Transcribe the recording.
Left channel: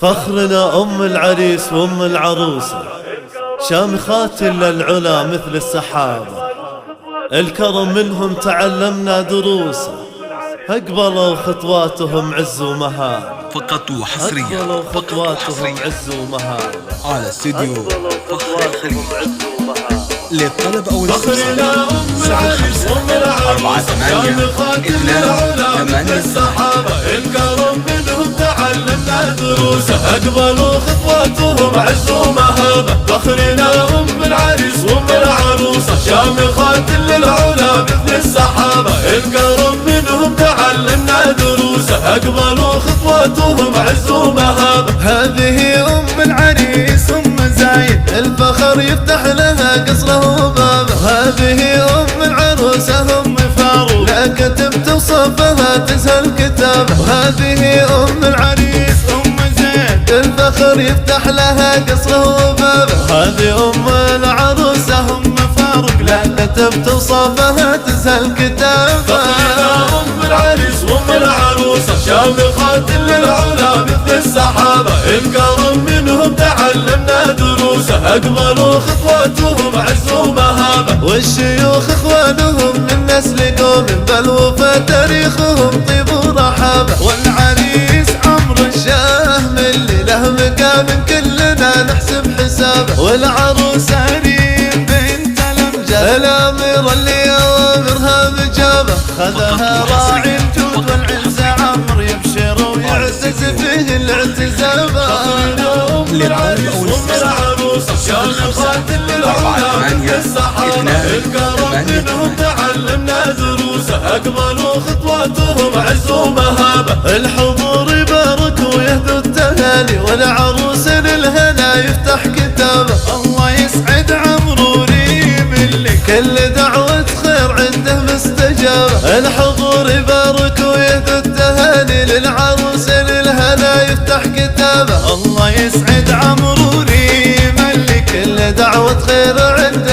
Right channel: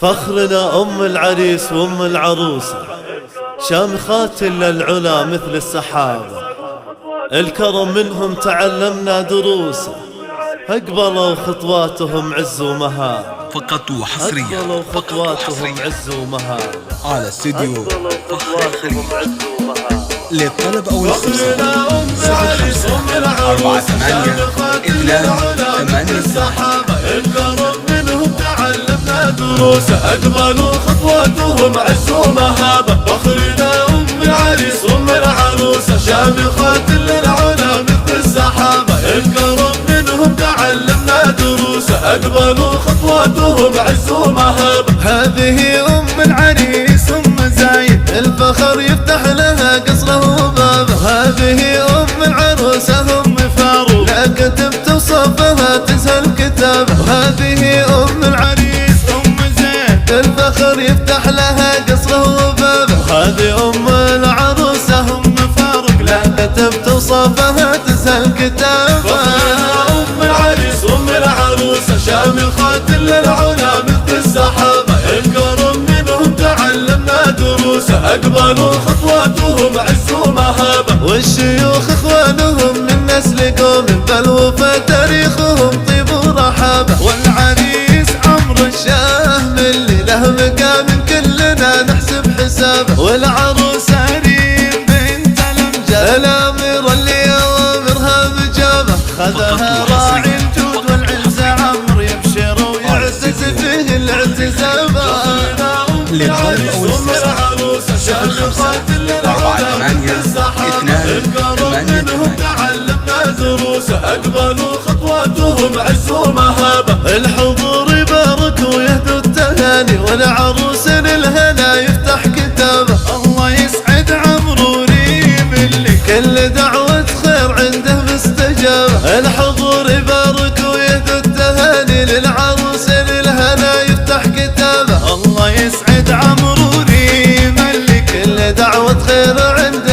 فخرنا أم العريس وأم العروسة، شامخات للعلا مثل السحابة، الكرم منهم تعلمنا دروسه، أقبلوا خطواتهم عز ومهابة، فقط وحصريا أقبلوا خطواتهم عز ومهابة، على استديو فخر الخليل. للطلب أو الاستفسار 05-48-2-8-8. الكرم منهم تعلمنا دروسه، أقبلوا خطواتهم عز ومهابة، فخرنا أم العريس وأم العروسة، شامخات للعلا مثل السحابة، الكرم منهم تعلمنا دروسه، أقبلوا خطواتهم عز ومهابة. هذه أم العريس أم زايد، الفخر يفتح لها قصره وبابه، هذه أم العروسة أم فاروق، لا كتبت وصفها تسهل كتابه، وهذه أم العريس أم زيد، الفخر يفتح لها قصره وبابه، هذه أم العروسة أم فاروق، لا كتبت وصفها تسهل كتابه. أم العريس وأم العروسة، شامخات للعلا مثل السحابة، الكرم منهم تعلمنا دروسه، أقبلوا خطواتهم عز ومهابة، والشيوخ إخوانهم من نسل قوم، بل وفى تاريخهم طيب ورحابة، والعريس عمر الشاه من له مقام كلنا نحسب حسابه، والعروسة ريم بنت الأمجاد، الأميرة اللي أوامرها بجابه، خذها راعي الجود والعز عمر، يبشر ويعزز فيه الاعتزابة. للطلب أو الاستفسار 05-48-2-8-8. تعلمنا دروسه، أقبلوا خطواتهم عز ومهابة، الحضور يبارك ويهدوا التهاني، والعروس للهنا يفتح كتابه، الله يسعد عمرو وريم اللي كل دعوة خير عنده مستجابة، الحضور يبارك ويهدوا التهاني، للعروس للهنا يفتح كتابه، الله يسعد عمرو وريم اللي كل دعوة خير عنده